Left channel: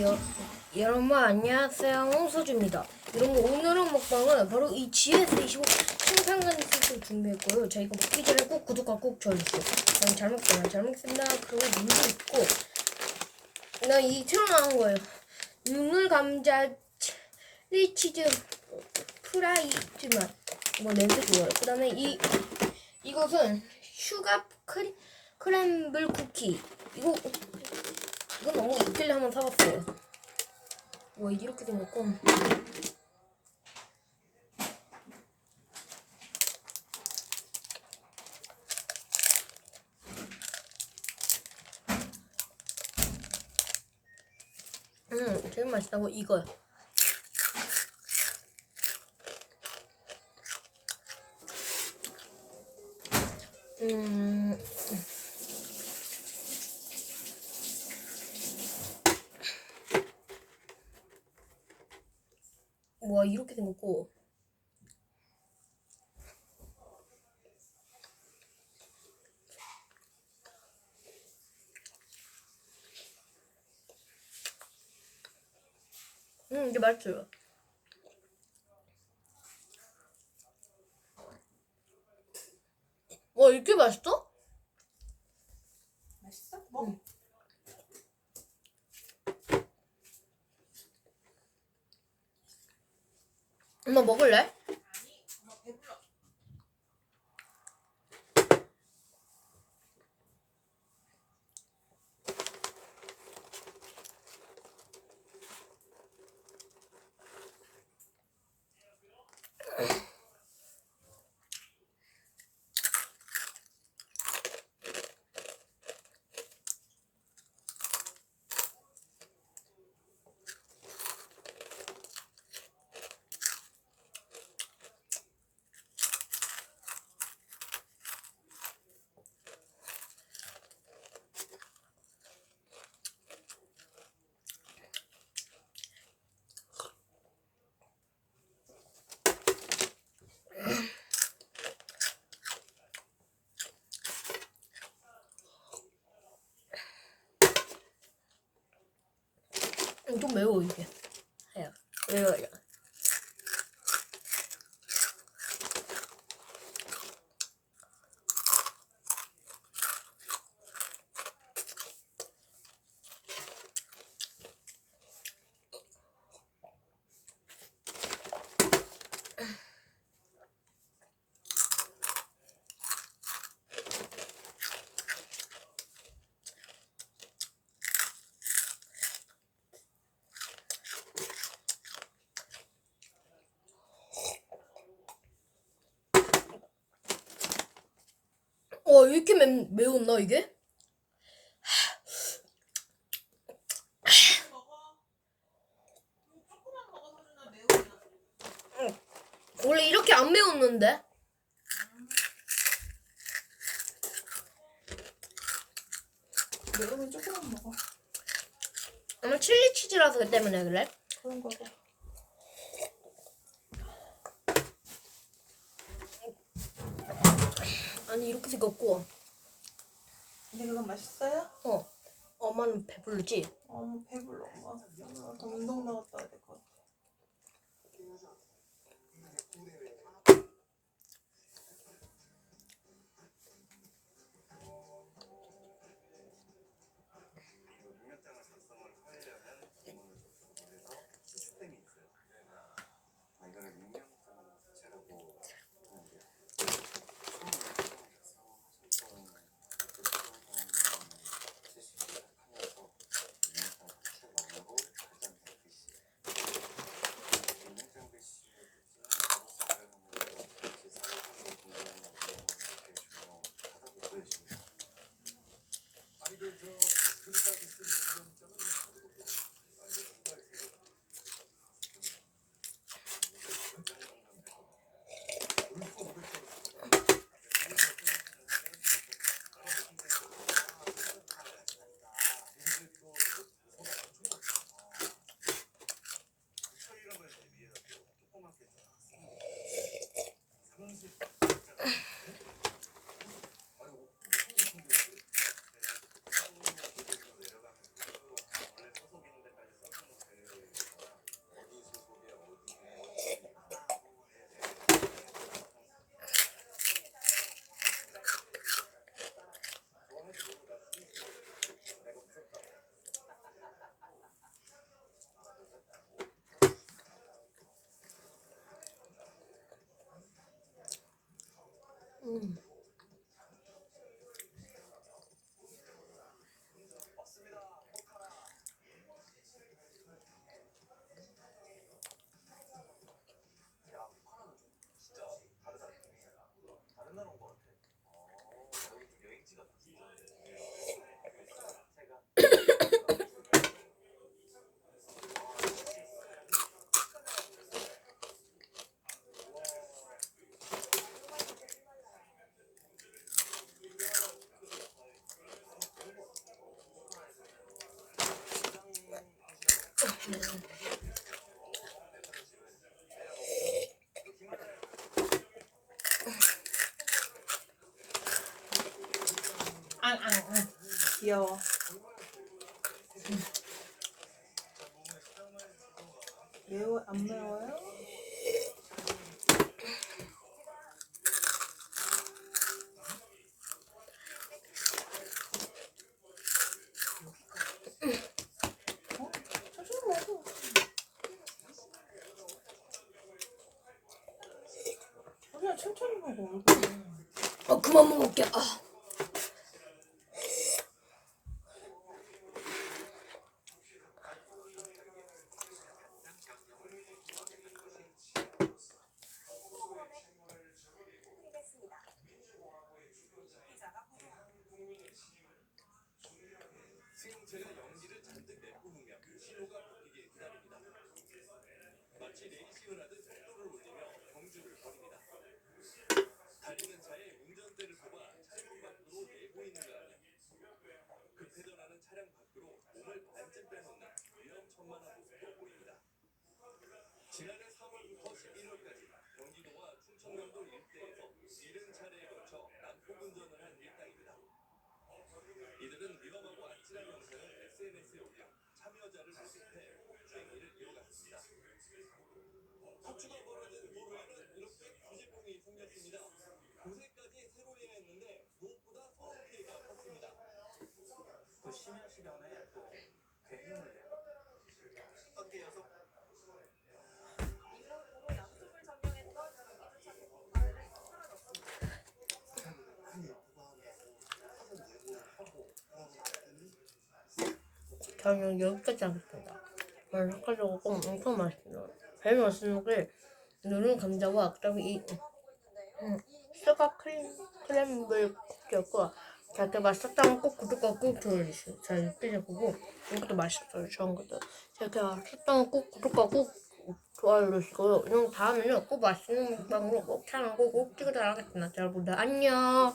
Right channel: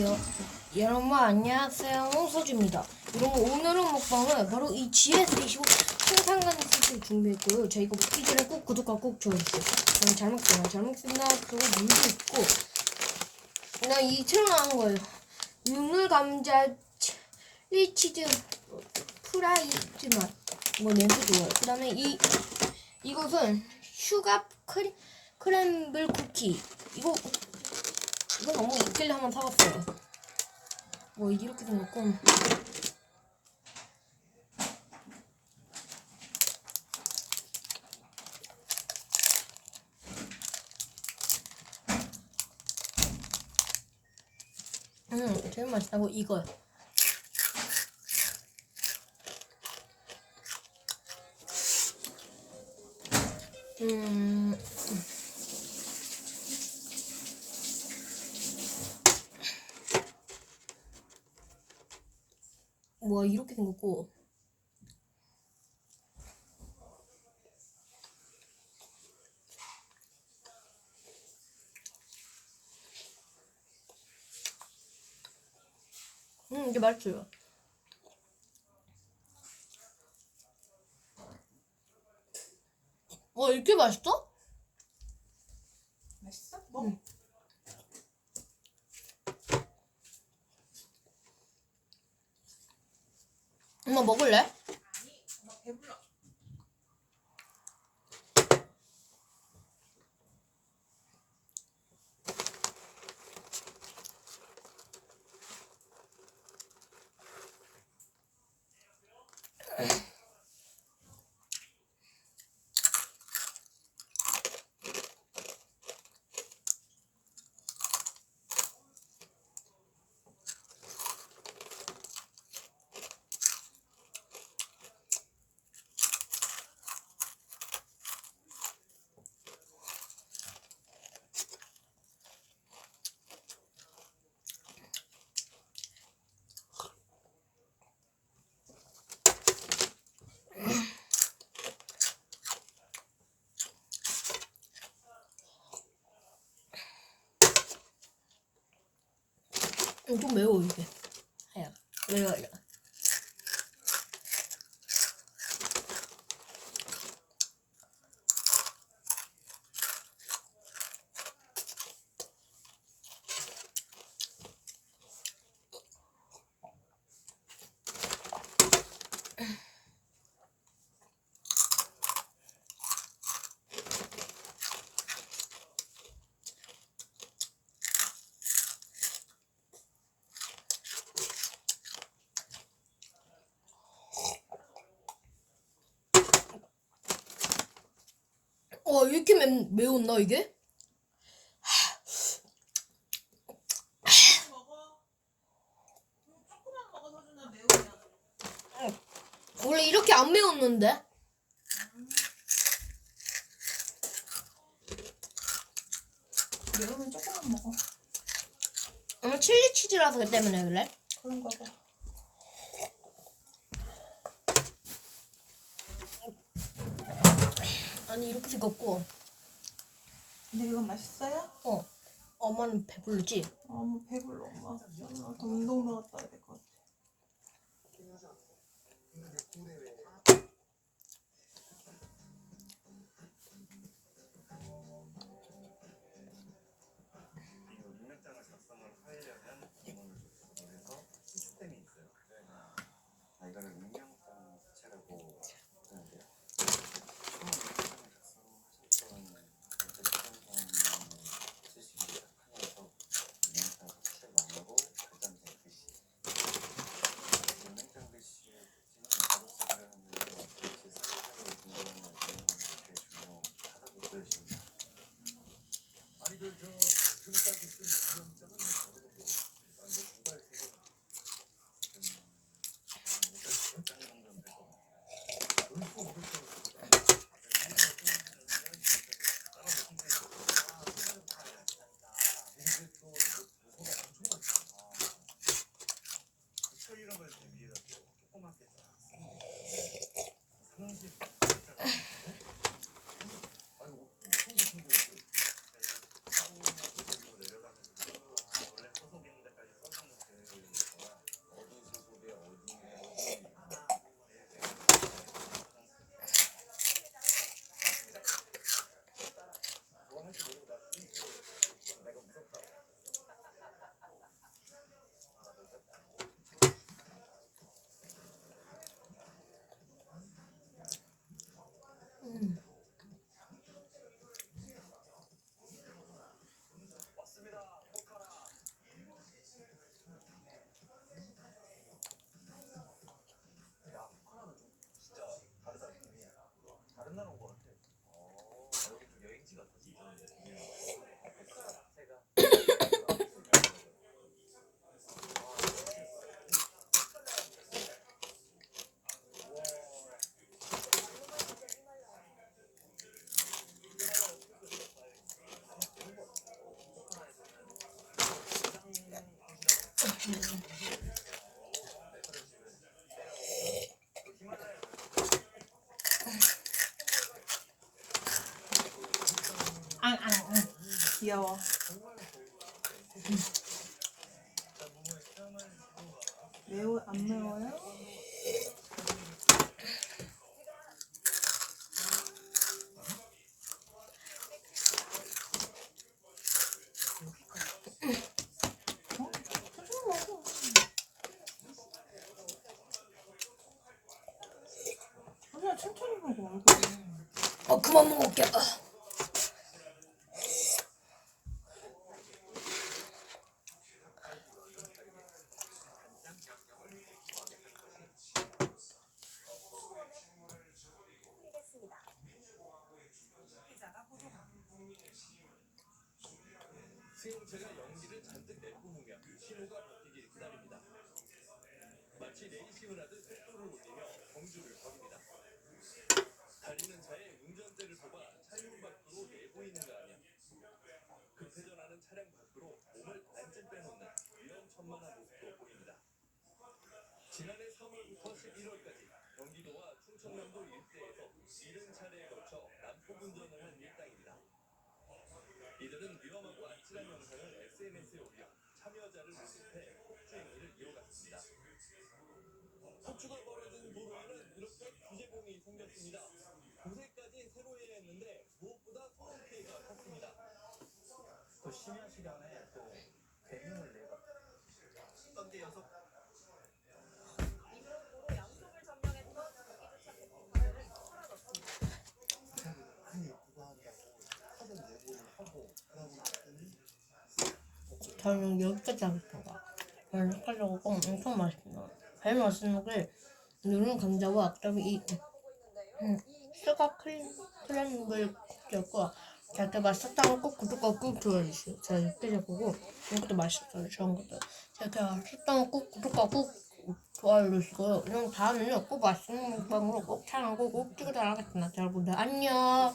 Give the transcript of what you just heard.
여, 여러분 안녕하세요. 홍서주입니다. 여러분 오늘은 먹방은 바로 이 GS25 생산관 세트를 준비했고요. 저희가 먹기 전에 꼭 구독과 꼭 좋아요 주세요. 저는 잘 먹겠습니다. 잘 먹겠습니다. 그리고 물도 있고. 그냥 이 새로 나온 거예요. 눈을 감자 치- 치즈 프라이즈 맛뭐 냄새 좋아요. 그 다음에 이 이것은 슈가 크림 크램블 쿠키. 이거 이거 너무 있길래 한번 사봤어요. 뭐 이렇게 생겼고. 음, 제일 맛있다고 이거요. 음, 와 이렇게 생겼고 음 이게 맛있어요 와 이렇게 맛있어? 맛있어? 뭐? 응. 엄마 먹을래? 좀 매워 이게. 해요. 매워요. 와 어, 이렇게 매, 매웠나 이게? 원래 이렇게 안 매웠는데? 매우면 조금만 먹어. 아마 칠리 치즈라서 그 때문에 그래? 그런 거고. 아니 이렇게 생겼고 근데 그건 맛있어요? 어 엄마는 배부르지? 어머, 뭐 배불러, 엄마. 엄마 더 운동 나갔다 와야 될 것 같아. Mm. 앙앙. 귀여워. 매워 안 매워요? 어? 천천히 먹어. 천천히 먹어. 얼굴. 어 그만 먹을게. 아. 수용체가 연기를 잔뜩 내뿜으며 신호가 바뀌길 기다립니다. 마치 레이싱을 하듯 속도를 올리며 경주를 벌입니다. 달리는 차에 운전대를 뽑아 차량 밖으로 내보이는 거 아니야. 급회전하는 차량 밖으로 몸을 반쯤 빼놓는 위험천만한 모습도 보입니다. 지난해 3월부터 11월까지 경기도와 충청남도 일대에서 70차례에 걸쳐 난폭 운전을 한 일당입니다. 이들은 위험하고 아찔한 영상을 SNS에 올려 폭주행위를 이어갔습니다. 폭주가 벌어진 도로에는 이렇게 구제공이 생겼습니다. 고세까지 새로 해야 했는데 무엇보다 소음 피해가 컸습니다. 또 심야 시간에 또 괜히 내요. 관계 났더니 저는 여기까지 하겠습니다. 여기까지 하고 엄청 맛있어요. 제일 맛있는 게 누른 감자와 그다음에 이 음, 수박 크림 크림블 쿠키였고 자, 이렇게 맛있었다면 꼭 구독과 꾹 눌러주세요. 자, 이렇게 보고 이것도 맛있어요. 좋은 것도. 자, 이렇게 맛있다면 꼭 구독과 꾹 좋아요. 그럼 다음에는 꼭 맛있는 먹방으로 꼭 촬영하고 꼭 찍어달라겠습니다. 자, 여러분들 안녕.